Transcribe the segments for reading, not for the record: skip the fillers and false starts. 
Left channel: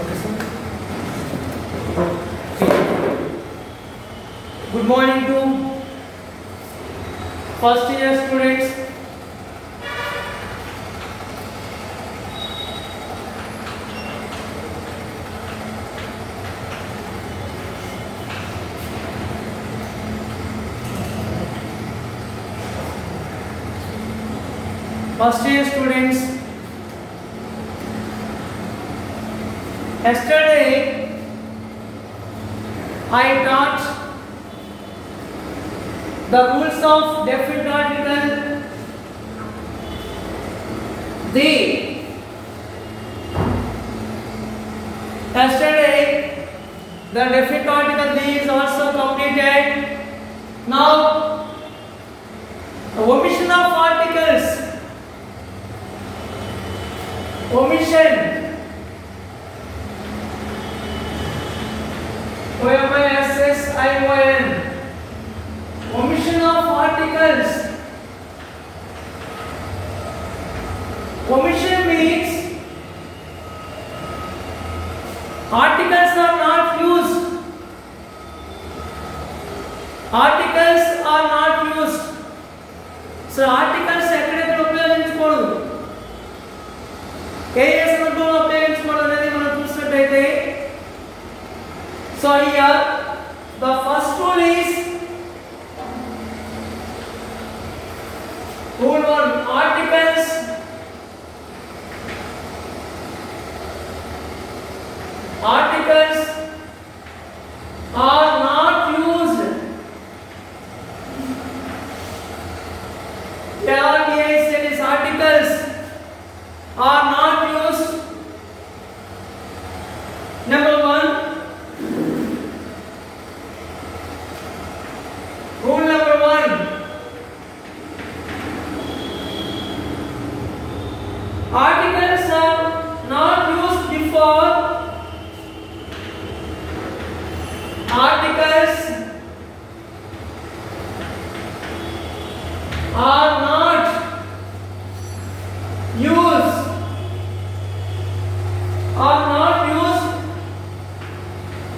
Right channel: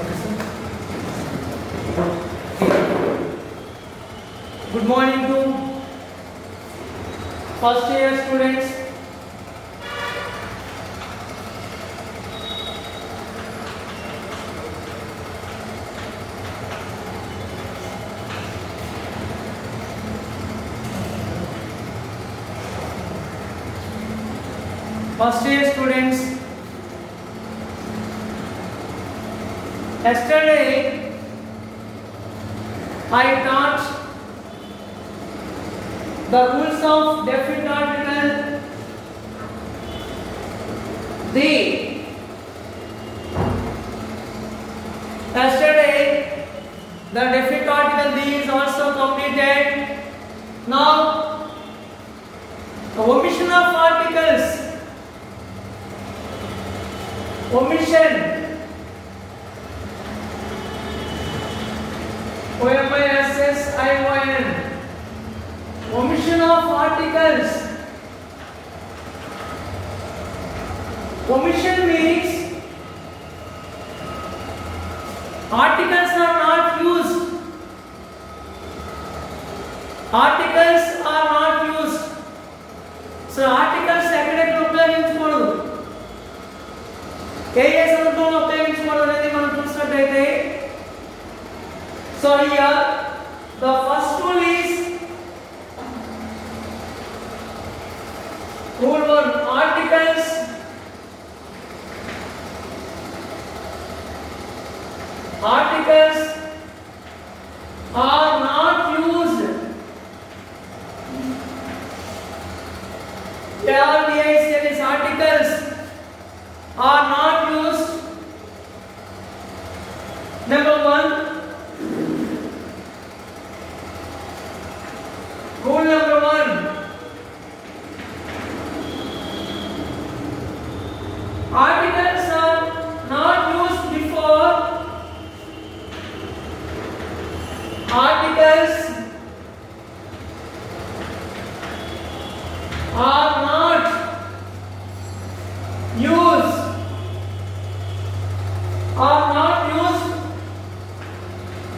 Okay, sir. Good morning to first year students. First year students, yesterday I taught the rules of definite article the. Yesterday the definite article the is also completed. Now the omission of articles. Omission. O-M-I-S-S-I-O-N. Omission of articles. Omission means articles are not used. Articles are not used. So articles ఎక్కడెక్కడ ఉపయోగించకూడదు, ఏ ఏ సందర్భంలో ఉపయోగించకూడదు అనేది మనం చూసినట్లయితే, so here the first rule is rule 1, articles are not used. These articles are not used. Number 1, rule number 1, articles are not used before. Articles are not used. Are not used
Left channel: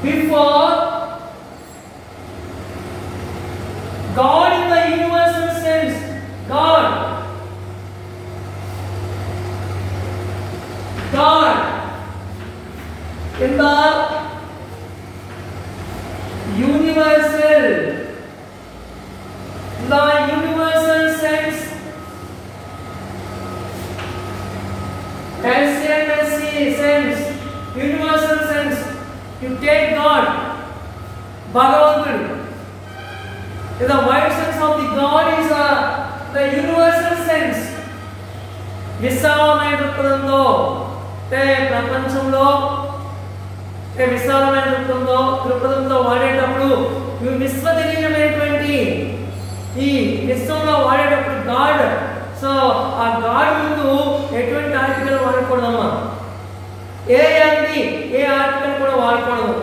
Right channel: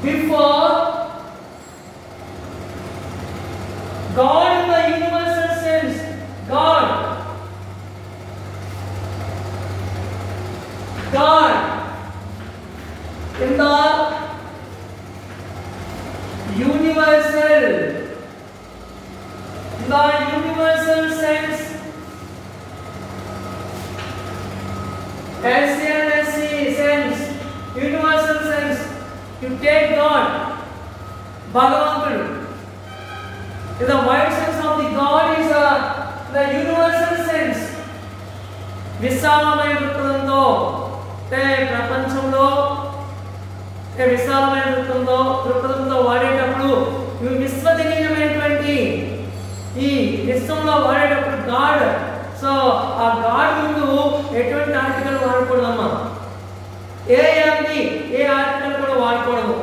before God in the universal sense. God in the universal sense, LCNSC sense, universal sense. You take God, Bhagavantudu. In the wide sense of the God is the universal sense. విశాలమైన దృక్పథంతో, ప్రపంచంలో విశాలమైన దృక్పథంతో వాడేటప్పుడు విశ్వజనీయమైనటువంటి ఈ విశ్వంలో వాడేటప్పుడు గాడ్, సో ఆ గాడ్ ముందు ఎటువంటి ఆర్టికల్ వాడకూడదమ్మా, ఏ ఆర్టికల్ కూడా వాడకూడదు.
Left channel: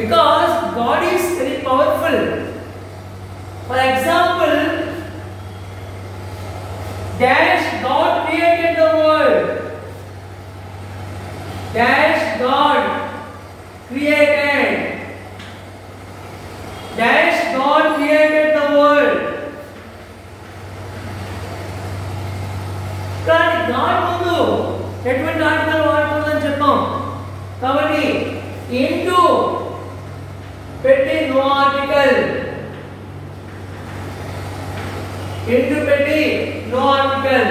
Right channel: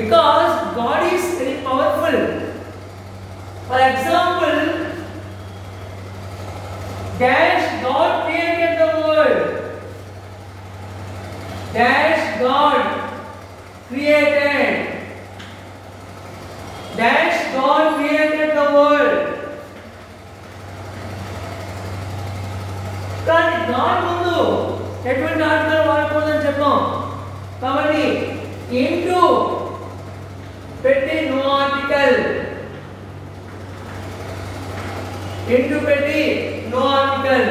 Because God is very powerful. For example, dash God created the world. Dash God created. Dash God created the world. కానీ గాడ్ ముందు ఎటువంటి ఆర్టికల్ వాడకూడదని చెప్పాం. కాబట్టి ఇంటూ పెట్టి నో ఆర్టికల్, ఇంటూ పెట్టి no article.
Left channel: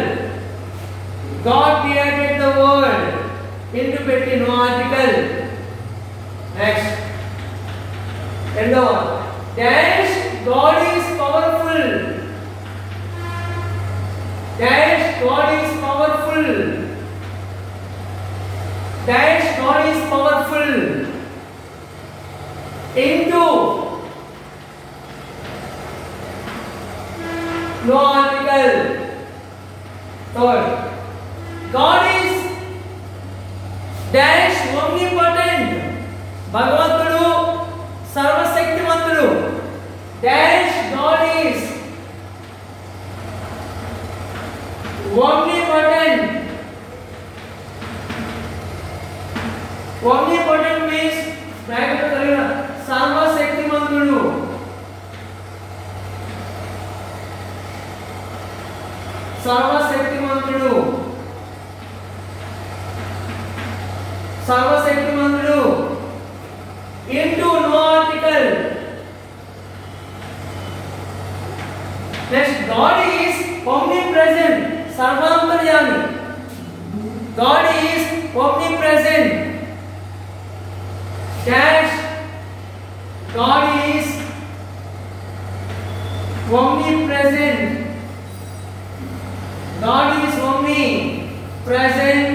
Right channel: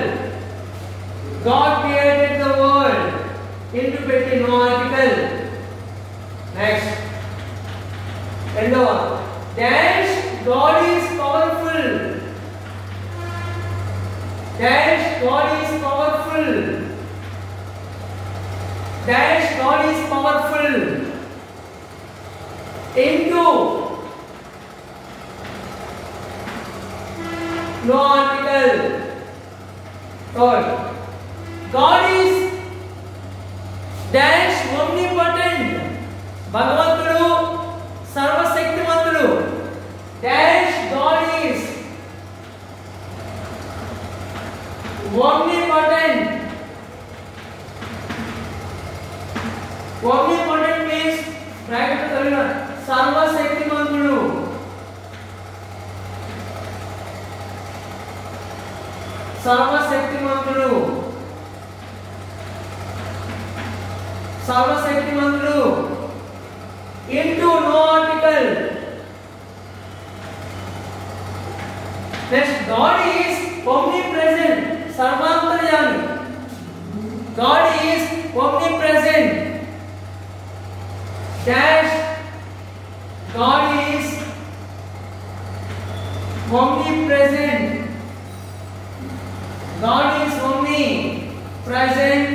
God created the world. Into petti no article. Next, endova. Dash God is powerful. Dash God is powerful. Dash God is powerful. Into no article. Third, God is dash omnipotent. Bhagavantudu sarvashaktimantudu. Dash God is omnipotent. Omnipotent means bracket లో కలిగిన సర్వశక్తిమంతుడు. సర్వశక్తిమంతుడు, సర్వశక్తిమంతుడు. Into no article. Next, God is omnipresent. Sarvantarayami. God is omnipresent. Dash. God is omnipresent. God is omnipresent.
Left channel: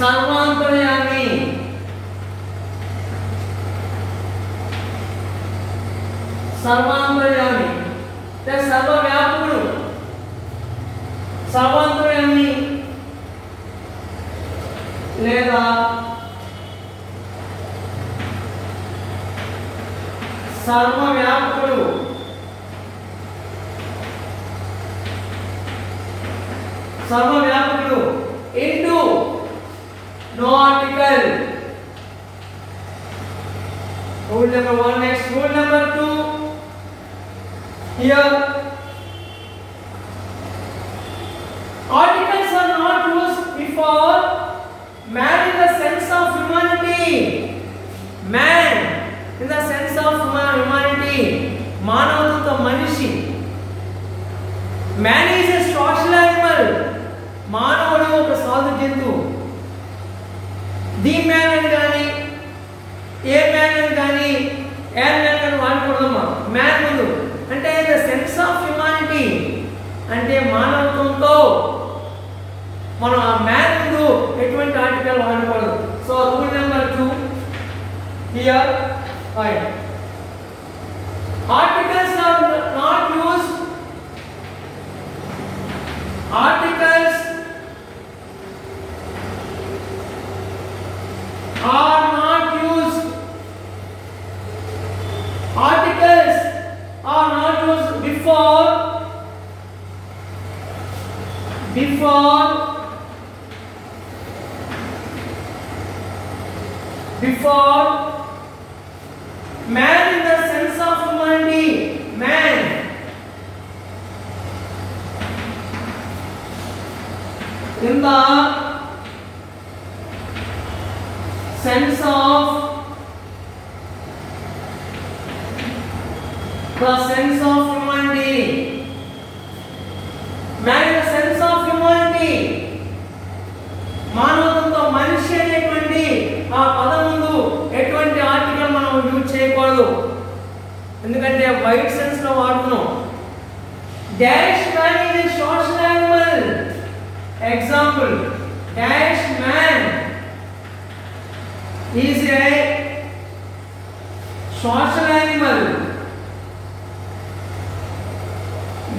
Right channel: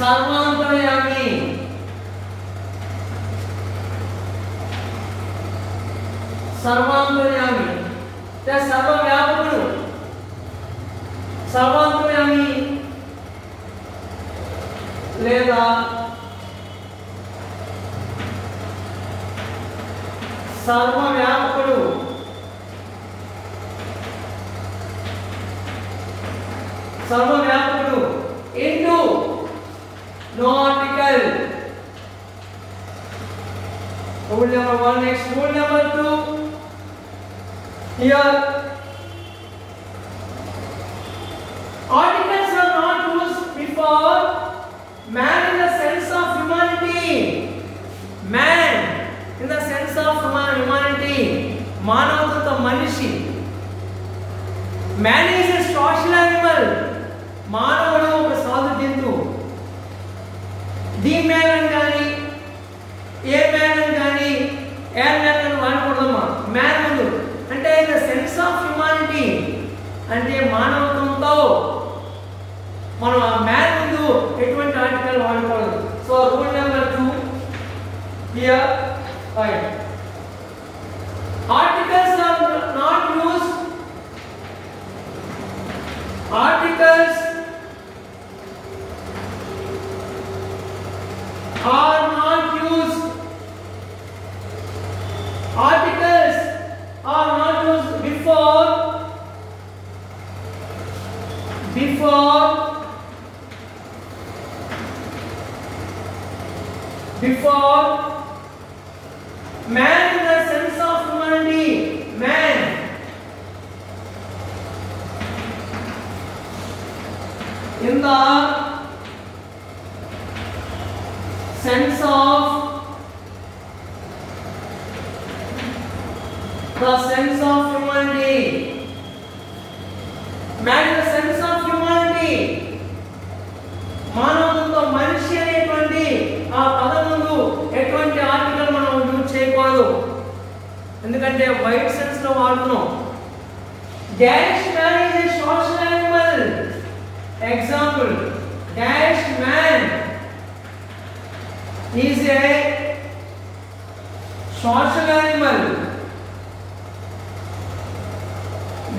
Sarvantarayami. Sarvantarayami. That's Sarvavyapakudu. Sarvantarayami లేదా సర్వవ్యాపకుడు. సర్వవ్యాపకుడు. Into no article. Rule number 1. Next, rule number 2. Here, articles are not used before man in the sense of humanity. Man in the sense of humanity. Manavata manishi. Man is a social animal. మానవుడు ఒక సాధు జంతువు. The man అని కానీ ఏ మ్యాన్ అని కానీ ఏ మ్యాన్ అని వాడకూడదమ్మా. మ్యాన్ ముందు అంటే ద సెన్స్ ఆఫ్ హ్యుమానిటీ అంటే మానవత్వంతో మనం ఆ మ్యాన్ ముందు ఎటువంటి ఆర్టికల్ వాడకూడదు. So rule number 2 here fine. Articles are not used. Articles are not used. Articles are not used before man in the sense of humanity. Man in the sense of humanity. Man in the sense of humanity. మానవత్వంతో మనిషి అనేటువంటి ఆ పదం ముందు ఎటువంటి ఆర్టికల్ మనం యూజ్ చేయకూడదు. ఎందుకంటే వైట్ సెన్స్ లో వాడుతున్నాం. Dash man is a social animal. Example, dash man is a social animal.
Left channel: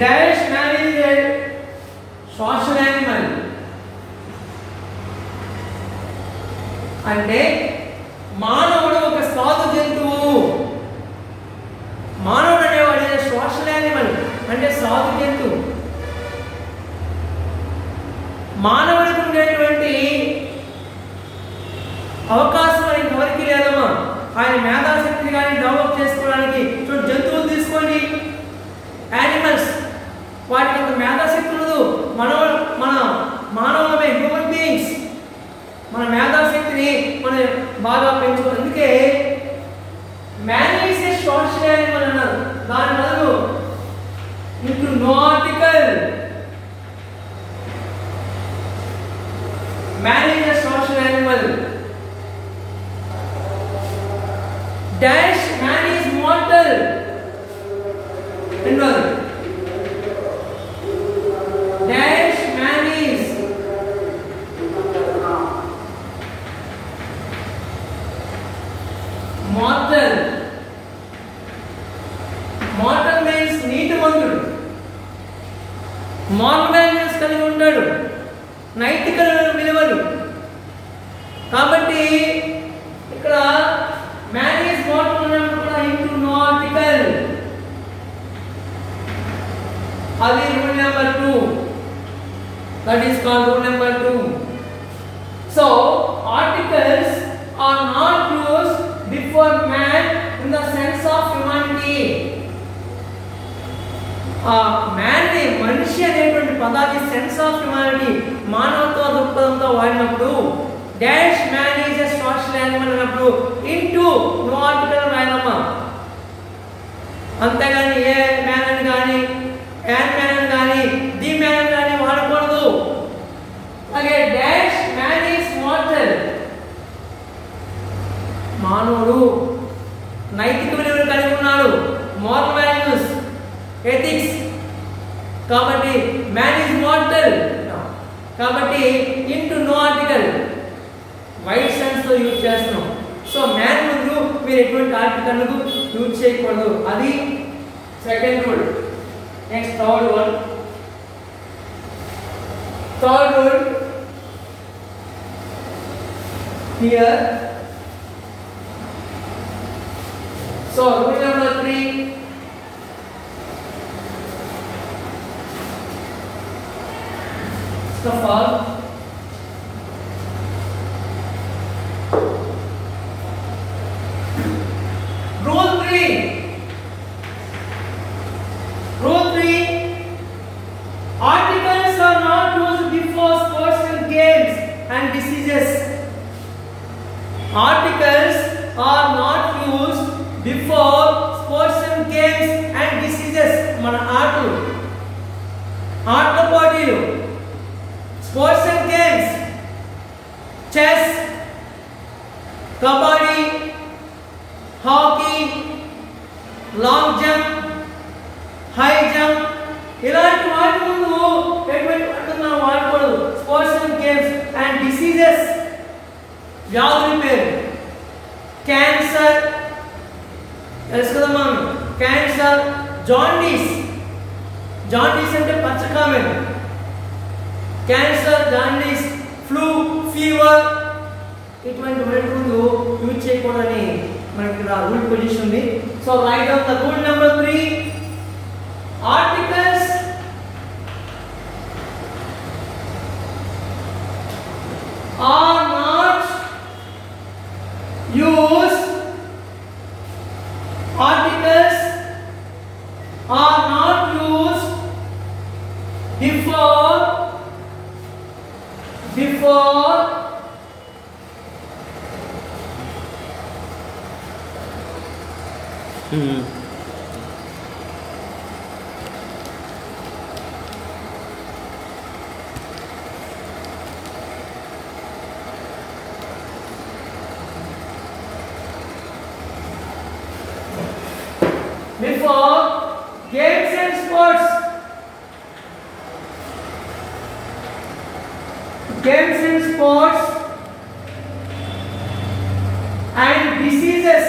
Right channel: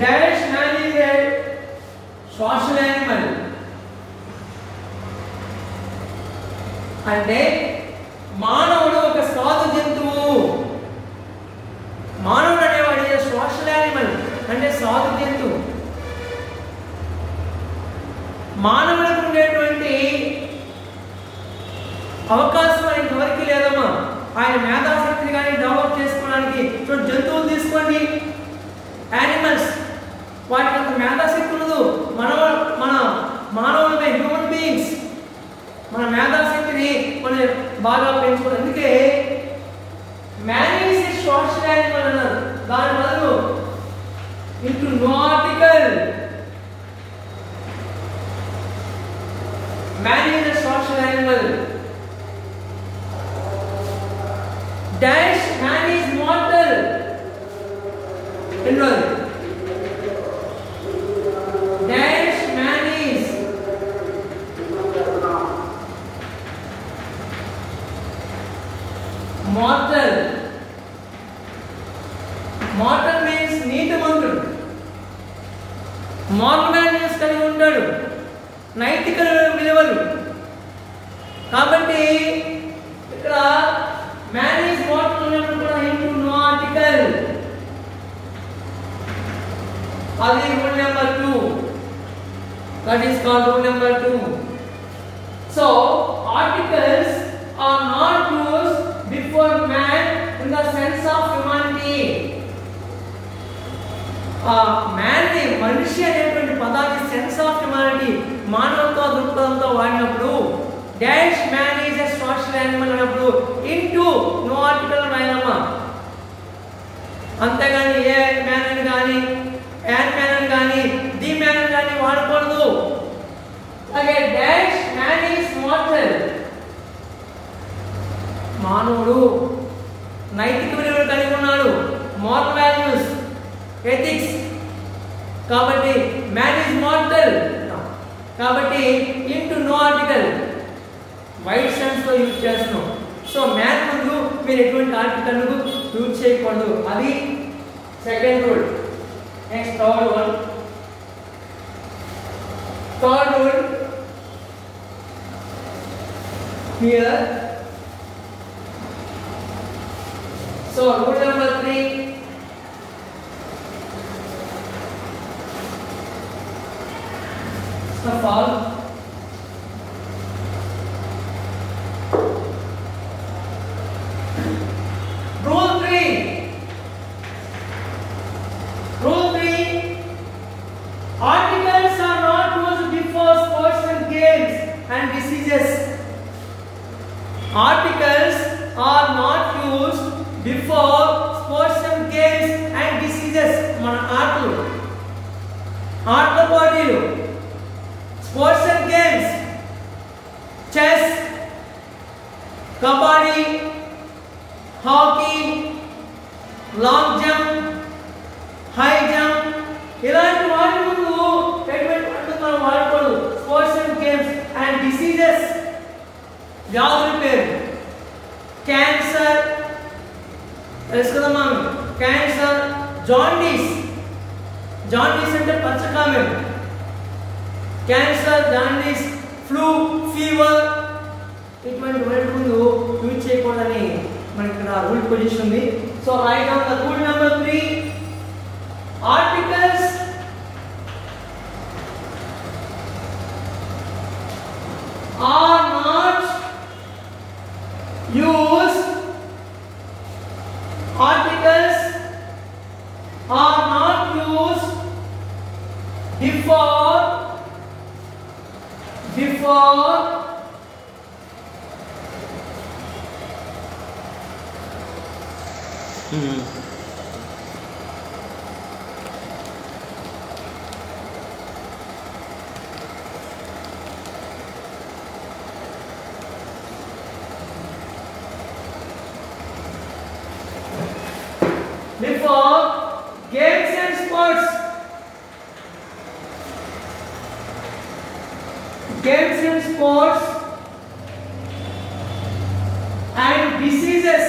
Dash man is a social animal. అంటే మానవుడు ఒక సాధు జంతువు. మానవుడు అనేవాడు సోషల్ యానిమల్ అంటే సాధు జంతువు. మానవుడికి ఉండేటువంటి అవకాశం ఇంకెవరికి లేదమ్మా. ఆయన మేధాశక్తిని కానీ డెవలప్ చేసుకోవడానికి జంతువులు తీసుకోండి, యానిమల్స్, వాటికి అంత మేధాశక్తి ఉండదు. మన మానవులమే హ్యూమన్ బీయింగ్స్ మన మేధాశక్తిని మనం బాగా పెంచుకోవాలి. అందుకే man is a social animal అన్నారు. దాని బదులు into no article. Man is a social animal. Dash man is mortal. Dash man is mortal. Mortal means నీతిమంతుడు. Moral values కలిగి ఉంటాడు, నైతిక విలువలు. కాబట్టి ఇక్కడ మ్యాన్ ఈజ్ మోర్టల్ ఉన్నప్పుడు కూడా ఇంటూ నో ఆర్టికల్. అది rule number 2. That is called rule number 2. So articles are not used before man in the sense of humanity. Man ని మనిషి అనేటువంటి పదాన్ని సెన్స్ ఆఫ్ హ్యుమానిటీ మానవత్వ దృక్పథంతో వాడినప్పుడు dash man is a social animal అన్నప్పుడు into no article రాయాలమ్మా. అంతేగాని ఏ మ్యాన్ అని కానీ యాన్ మ్యాన్ అని కానీ ది మ్యాన్ అని కానీ వాడకూడదు. అలాగే డాష్ మ్యాన్ ఈజ్ మార్టల్, మానవుడు నైతిక విలువలు కలిగి ఉన్నాడు, మోరల్ వాల్యూస్, ఎథిక్స్. కాబట్టి మ్యాన్ ఈజ్ మార్టల్ కాబట్టి into no article wide sense తో యూజ్ చేస్తున్నాం. సో మ్యాన్ ముందు మీరు ఎటువంటి ఆర్టికల్ యూజ్ చేయకూడదు. అది second rule. Next third rule. Third rule here. So rule number 3, first of all, rule 3, articles are not used before sports and games and diseases. Articles are not used before sports and games and diseases. మన ఆటలు పోటీలు, sports and games, chess, kabaddi, hockey, long jump, high jump, ఇలాంటి వాటి ముందు ఎటువంటి అంటున్నాం వాడకూడదు. Sports and games and diseases, వ్యాధుల పేరు క్యాన్సర్ తెలుసు కదమ్మా. క్యాన్సర్, జాండీస్ అంటే పచ్చకామెం. క్యాన్సర్, జాండీస్, ఫ్లూ, ఫీవర్ ఇటువంటి వాటి ముందు యూజ్ చేయకూడదని మనకి ఇక్కడ రూల్ పొజిషన్ ఉంది. So right down the rule number 3. Articles are not used. Articles are not used before games and sports. Games and sports and diseases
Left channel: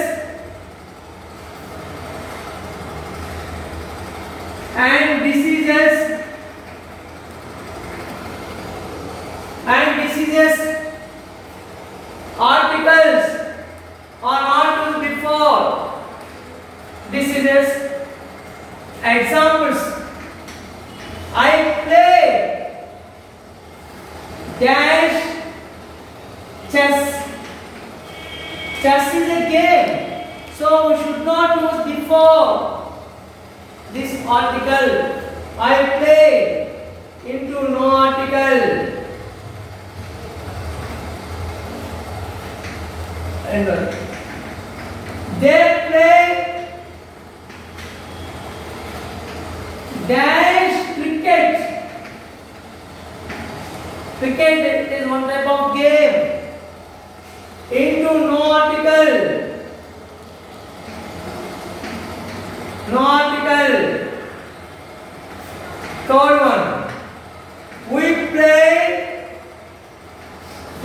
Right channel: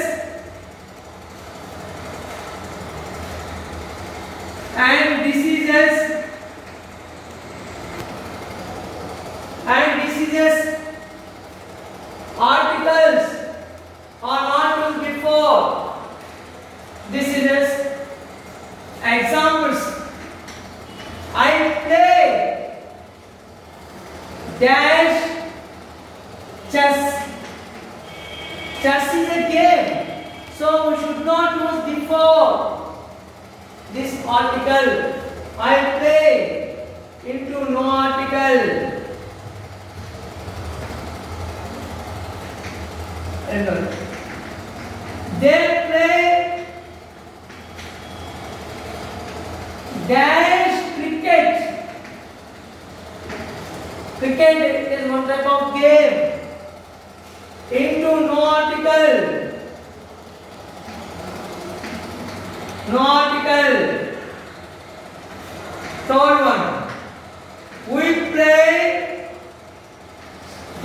articles are not used before diseases. Examples: I play dash chess. Chess is a game, so we should not use before this article. I play into no article. And they play dash cricket. Cricket is one type of game. Into no article. No article. Third one. We play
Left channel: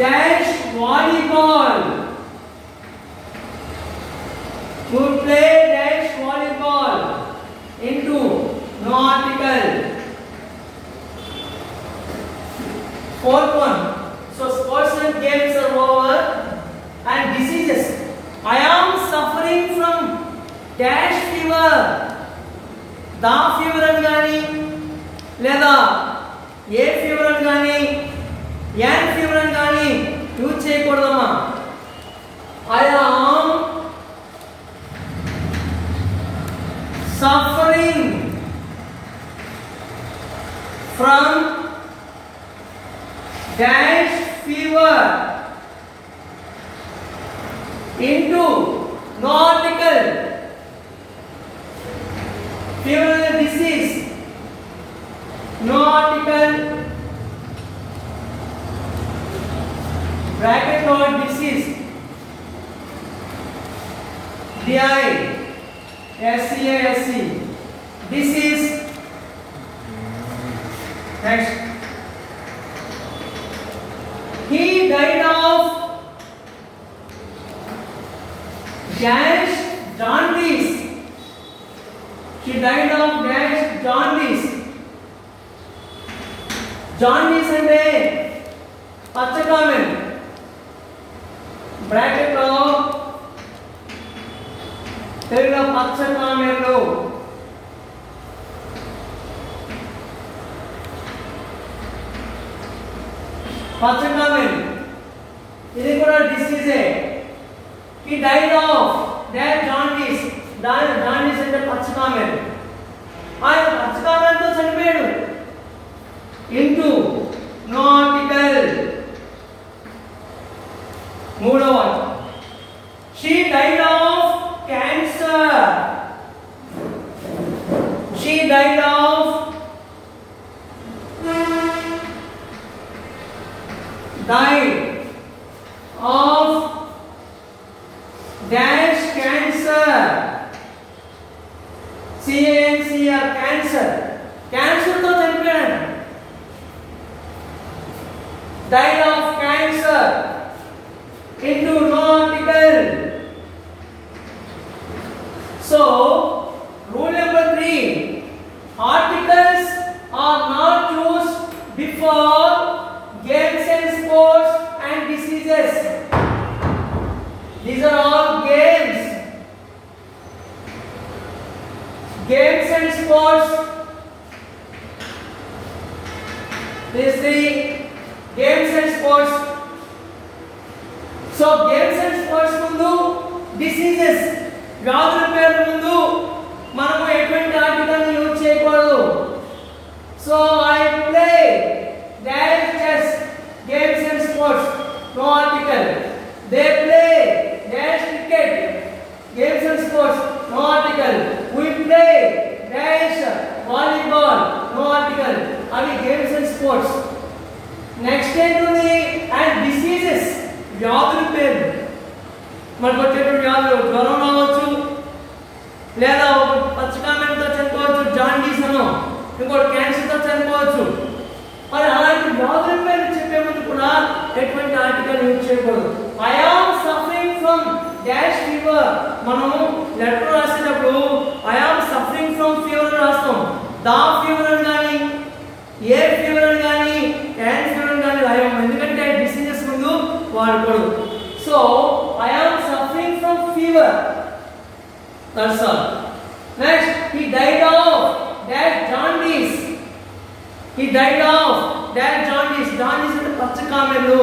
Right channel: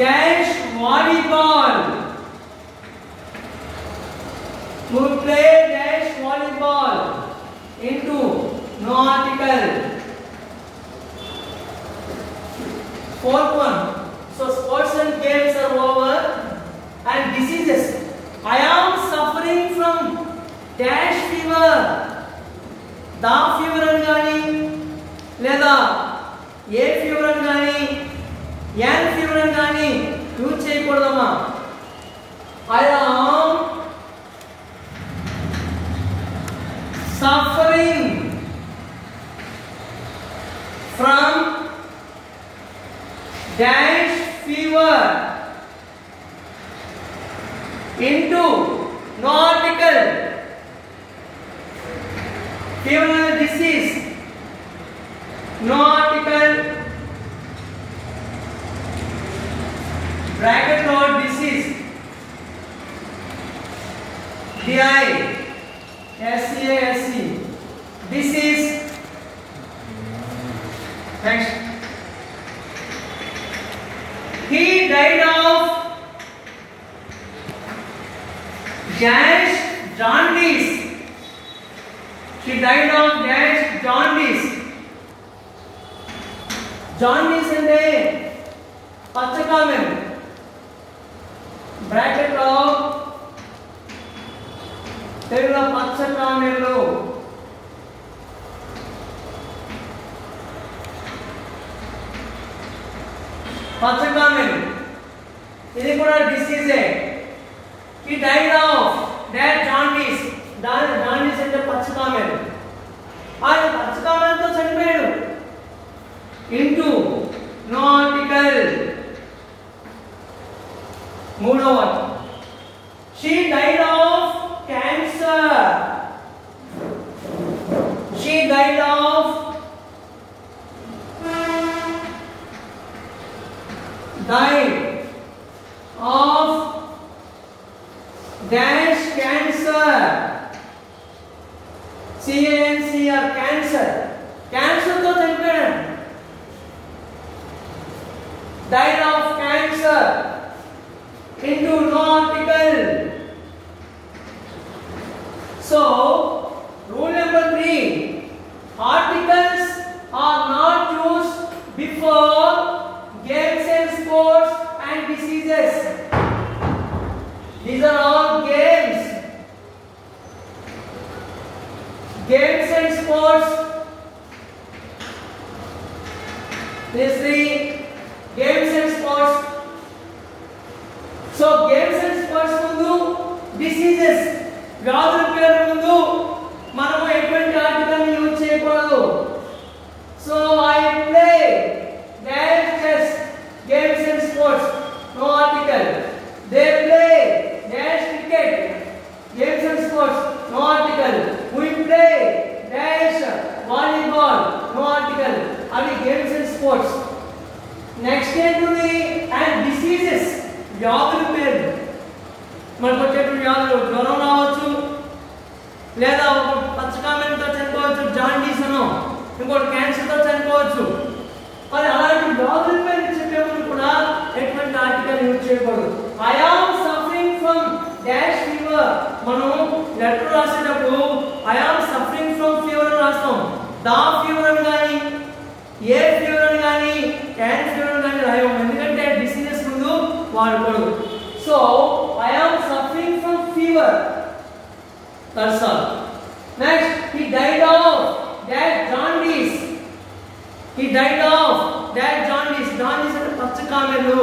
dash volleyball. We play dash volleyball. Into no article. Fourth one. So sports and games are over. And diseases. I am suffering from dash fever. Da fever అని కానీ లేదా ఏ ఫీవర్ అని కానీ an fever అని కానీ యూజ్ చేయకూడదమ్మా. I am suffering from dash fever into no article. Fever is a disease. No article. Bracket or disease. D-I-S-C-A-S-C. Disease. Next. He died of dash jaundice. She died of dash jaundice. Jaundice అంటే పచ్చకామెన్. బ్రాకెట్ లో తెలుగులో పచ్చకామెన్లు. పచ్చకామెన్ ఇది కూడా డిసీజే. He died of that jaundice. Jaundice అంటే పచ్చకామెన్. ఆయన పచ్చకామెన్తో చనిపోయాడు. Into no article. మూడవ she died of cancer. She died of dash cancer. C-A-N-C-R cancer. Cancer తో చనిపోయాడు. Died of cancer. Into no article. So, rule number 3. Articles are not used before games and sports and diseases. These are all games. Games and sports. These three games and sports. So games and sports mundu diseases వ్యాధుల పేరు ముందు మనము ఎటువంటి ఆటలను యూజ్ చేయకూడదు. So I play dash chess games and sports no article. They play dash cricket games and sports no article. We play dash volleyball no article. Avi games and sports. Next ఏంటుంది and diseases వ్యాధుల పేరు. మనకు వచ్చేటువంటి వ్యాధులు జ్వరం రావచ్చు, లేదా ఒక పచ్చకామెన్తో చనిపోవచ్చు, జాండీస్ అనో, ఇంకోటి క్యాన్సర్తో చనిపోవచ్చు. మరి అలాంటి వ్యాధుల పేరు చెప్పే ముందు కూడా ఎటువంటి ఆర్టికల్ యూజ్ చేయకూడదు. I am suffering from dash fever. మనం లెటర్ రాసేటప్పుడు I am suffering from fever రాస్తాం. దా ఫీవర్ అని కానీ ఏ ఫీవర్ అని కానీ క్యాన్ ఫీవర్ అని కానీ రాయం. ఎందుకంటే డిసీజెస్ ముందు వాడకూడదు. So I am suffering from fever. That's all. Next, he died of that jaundice. He died of that jaundice. Jaundice అంటే పచ్చకామెర్లు.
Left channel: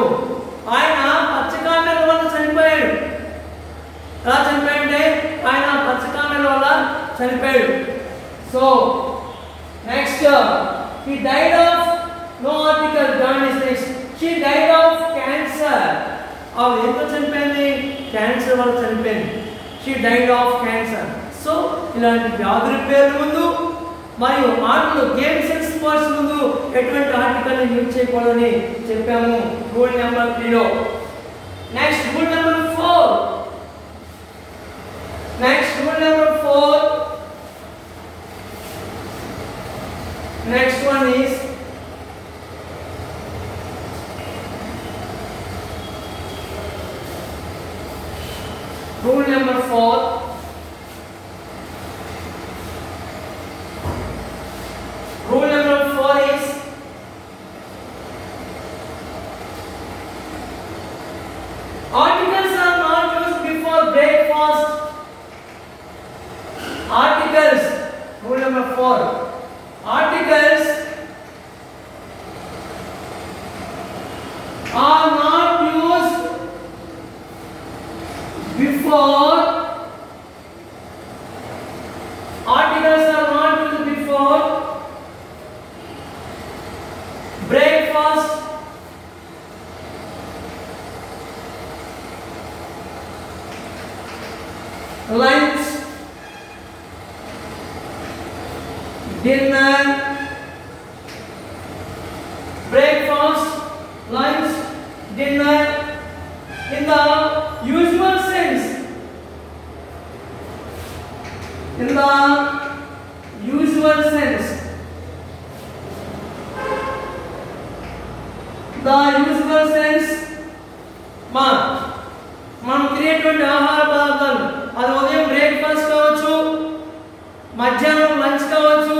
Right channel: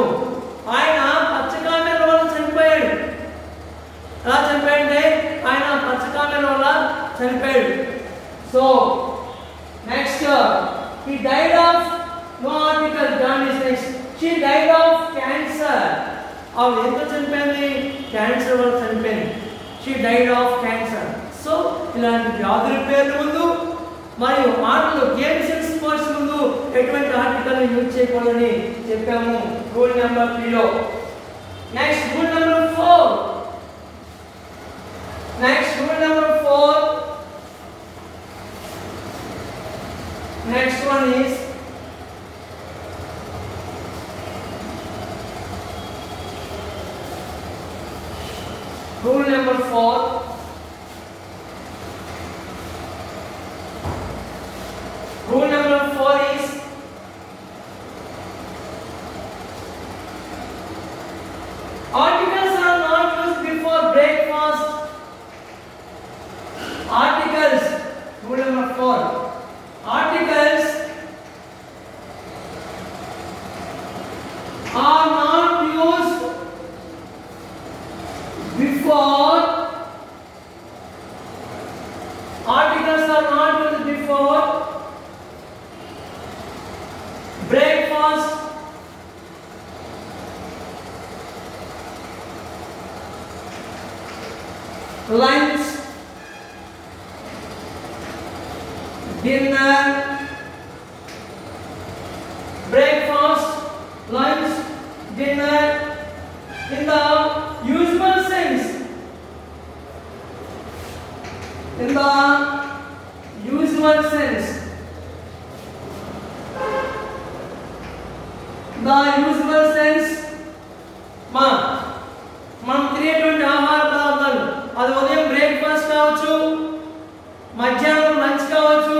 ఆయన పచ్చకామెర్ల వల్ల చనిపోయాడు. ఎలా చనిపోయాడంటే ఆయన పచ్చకామెర్ల వల్ల చనిపోయాడు. So next, he died of no article jaundice. Next, she died of cancer. ఆవిడ ఎంతో చనిపోయింది? క్యాన్సర్ వల్ల చనిపోయింది. She died of cancer. So ఇలాంటి వ్యాధుల పేర్ల ముందు మరియు ఆటలు గేమ్స్ అండ్ స్పోర్ట్స్ ముందు ఎటువంటి ఆర్టికల్ యూజ్ చేయకూడదని చెప్పాము రూల్ నెంబర్ 3లో. Next rule number 4. Next rule number 4. Next one is rule number 4. Rule number 4 is articles are not used before breakfast. Articles. Rule number 4. Articles are not used before. Articles are not used before breakfast, lunch, dinner. Breakfast, lunch, dinner in the usual sense. In the usual sense. The usual sense. మనం తినేటువంటి ఆహార పదార్థాలు అది ఉదయం బ్రేక్ఫాస్ట్ కావచ్చు, మధ్యాహ్నం లంచ్ కావచ్చు,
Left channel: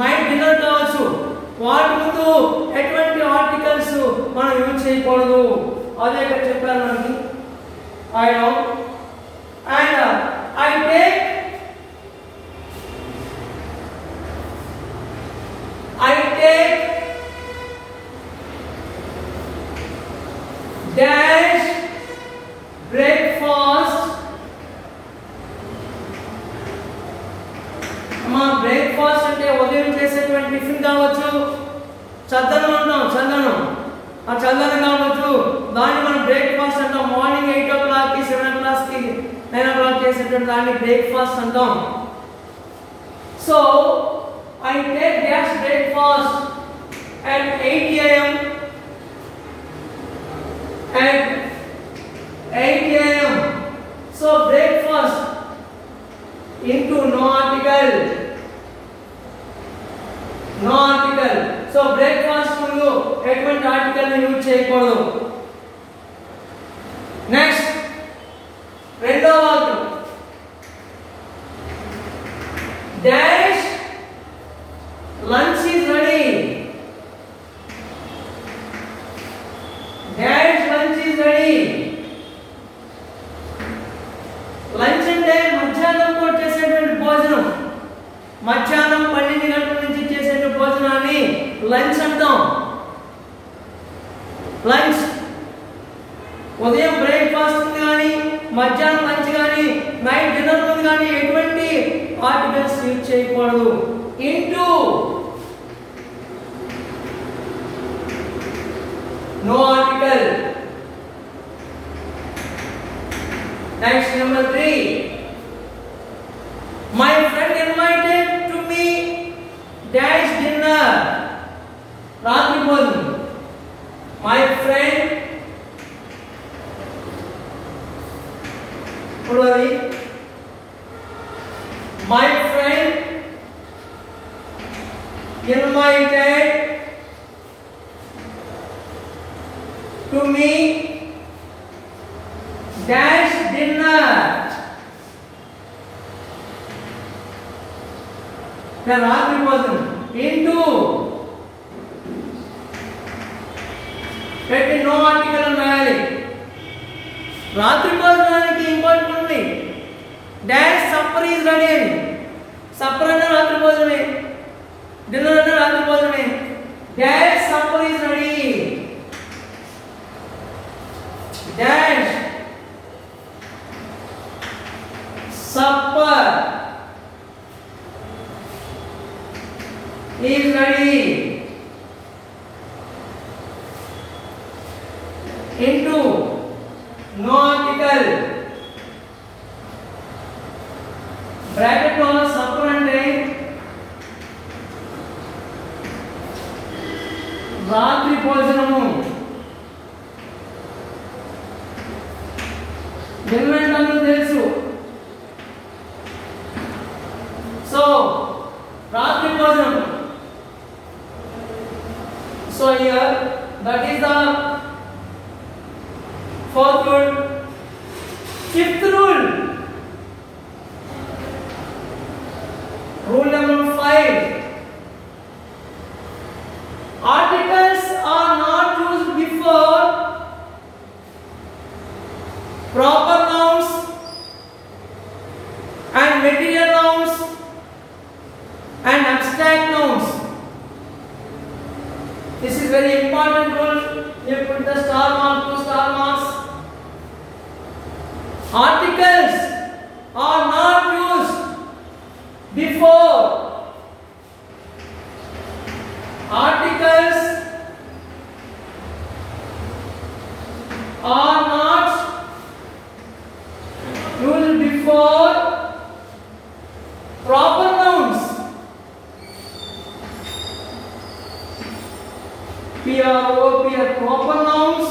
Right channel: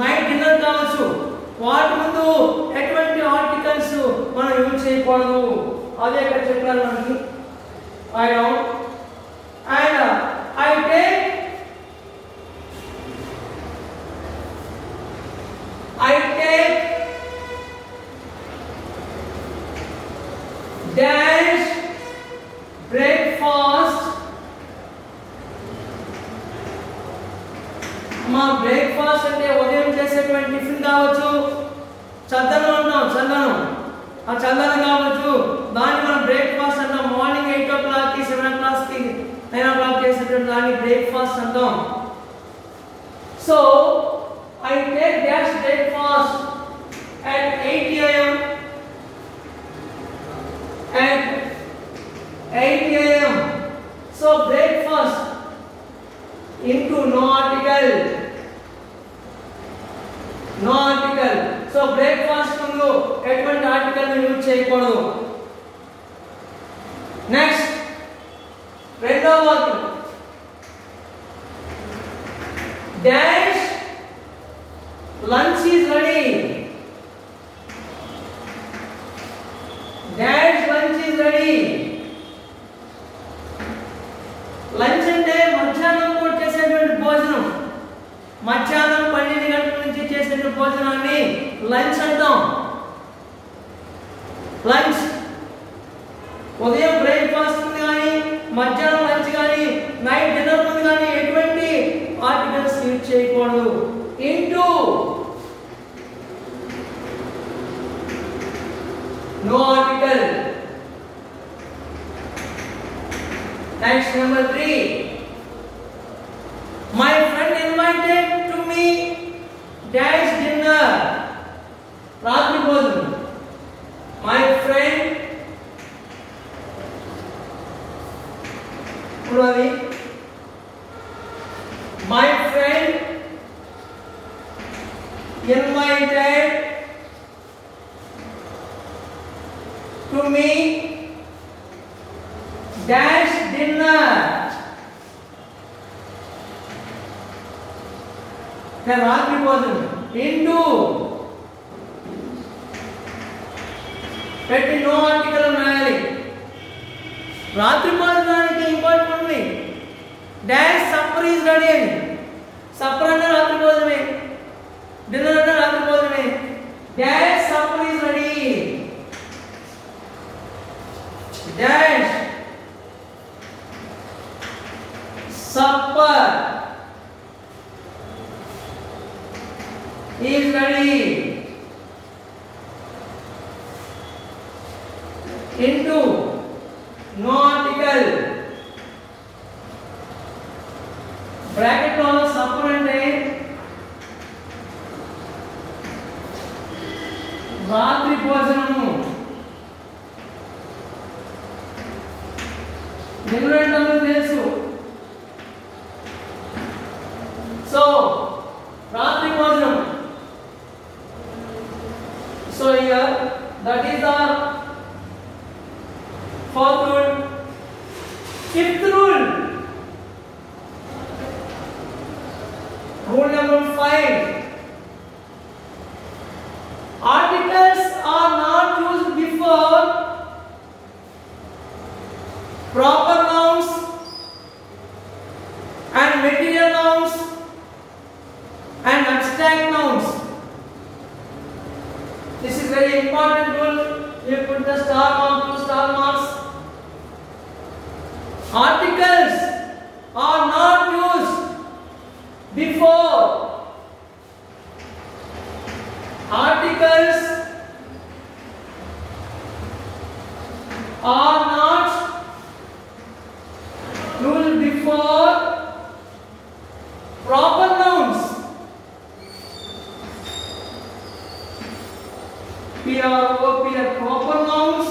night dinner కావచ్చు. వాటి ముందు ఎటువంటి ఆర్టికల్స్ మనం యూజ్ చేయకూడదు. అదే ఇక్కడ చెప్పారు మనకి. I know and I take dash breakfast. అమ్మా బ్రేక్ఫాస్ట్ అంటే ఉదయం చేసేటువంటి టిఫిన్ కావచ్చు, చద్దనం అంటాం, చందనం, ఆ చందనం కావచ్చు, దాన్ని మనం బ్రేక్ఫాస్ట్ అంటాం. మార్నింగ్ 8 o'clock కి 7 o'clock కి 9 o'clock చేసేటువంటి దాన్ని బ్రేక్ఫాస్ట్ అంటాం. So I take dash breakfast at 8 a.m. at 8 a.m. So breakfast into no article. So breakfast ముందు ఎటువంటి ఆర్టికల్ ని యూజ్ చేయకూడదు. నెక్స్ట్ రెండవ వాక్యం dash lunch is ready. Dash lunch is ready. Lunch అంటే మధ్యాహ్నం పూట చేసేటువంటి భోజనం. మధ్యాహ్నం 12 గంటల నుంచి చేసేటువంటి భోజనాన్ని లంచ్ అంటాం. లంచ్ ఉదయం బ్రేక్ఫాస్ట్ ఉంది కానీ, మధ్యాహ్నం లంచ్ కానీ, నైట్ డిన్నర్ ఉంది కానీ ఎటువంటి ఆర్టికల్స్ యూజ్ చేయకూడదు. Into no article. Next, number 3. My friend invited to me dash dinner. రాత్రి భోజనం. My friend చూడాలి. My friend invited to me dash dinner. రాత్రి భోజనం ఇంటూ పెట్టి నో ఆర్టికల్ రాయాలి. రాత్రి భోజనానికి ఇంపార్టెంట్ ఉంది. డాష్ సప్పర్ ఈజ్ రెడీ అని. సప్పర్ అన్న రాత్రి భోజనమే, డిన్నర్ అన్న రాత్రి భోజనమే. Dash supper is ready. Dash supper is ready. Into no article. Bracket lo ఉన్న supper అంటే రాత్రి భోజనము. డిన్నర్ అంటే తెలుసు. సో రాత్రి భోజనం. So here that is the fourth rule. Fifth rule. Rule number 5. Articles are not used before proper nouns and material nouns and abstract nouns. This is very important rule. You put the star mark, 2 star marks. Articles are not used before. Articles are not used before proper nouns. P-R-O-P-R, proper nouns,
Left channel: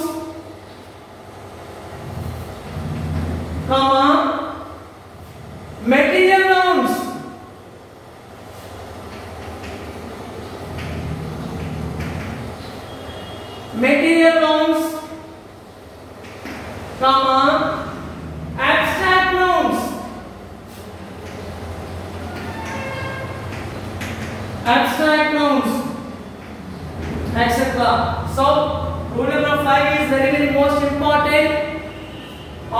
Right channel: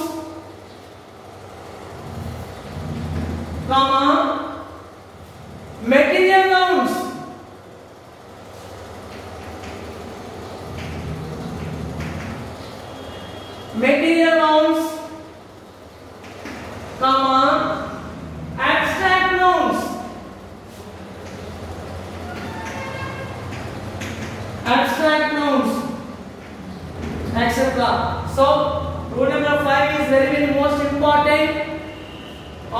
comma, material nouns. Material nouns, comma, abstract nouns. Abstract nouns, etc. So, rule number 5 is very most important.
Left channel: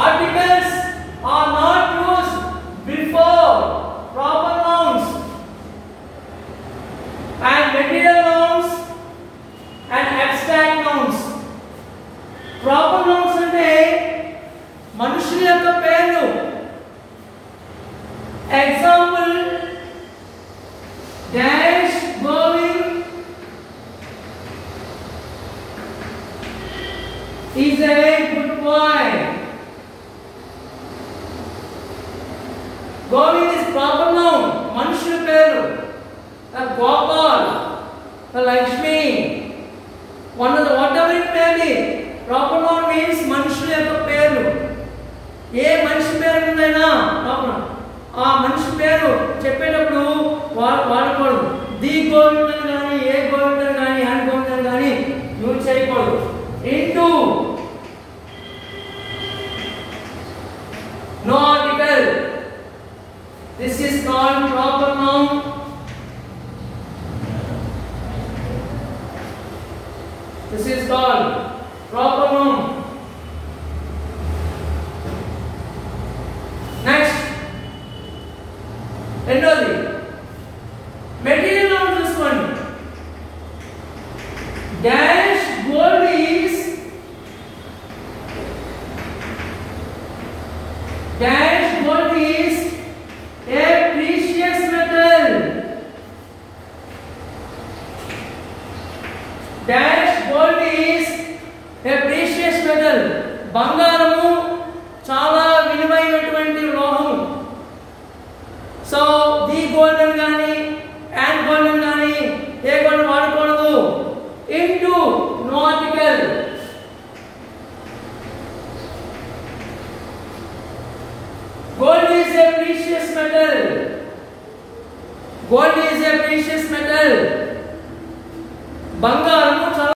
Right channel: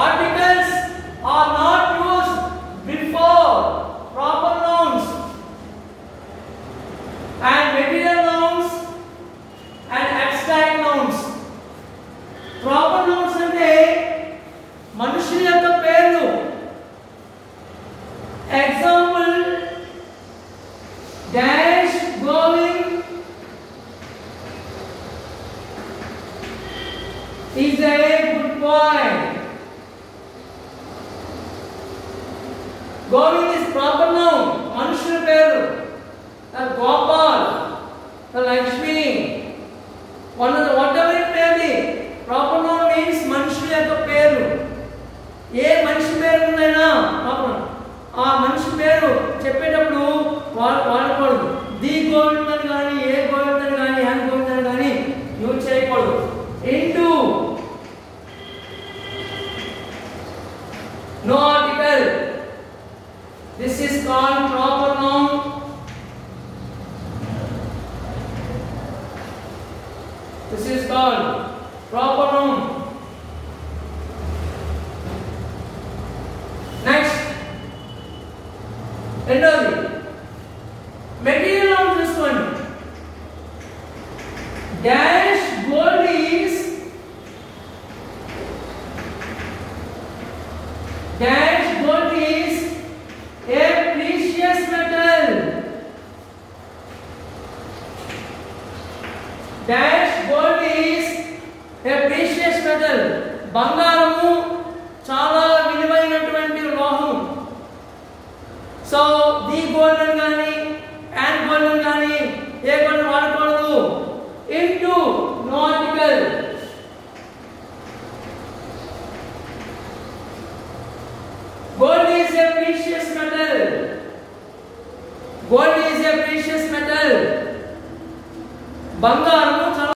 Articles are not used before proper nouns, and material nouns and abstract nouns. Proper nouns అంటే మనుషుల యొక్క పేర్లు. Example, dash Govind is a good boy. Govind is proper noun, మనుషుల పేరు. Gopal, Lakshmi, whatever it may be, proper noun means మనుషుల యొక్క పేరు. ఏ మనిషి పేరు ఉందైనా ఆ మనిషి పేరు చెప్పేటప్పుడు వాడకూడదు. ది గోవింద్ అని కానీ, ఏ గోవింద్ అని కానీ, హ్యాండ్ గోవింద్ అని కానీ యూజ్ చేయకూడదు. Into, no article. This is called proper noun. This is called proper noun. Next, రెండోది material noun చూసుకోండి. Dash gold is dash gold is a precious metal. Dash gold is a precious metal. బంగారము చాలా విలువైనటువంటి లోహం. So the golden కానీ, and golden కానీ a golden వాడకూడదు. Into, no article. Gold is a precious metal. Gold is a precious metal. బంగారము చాలా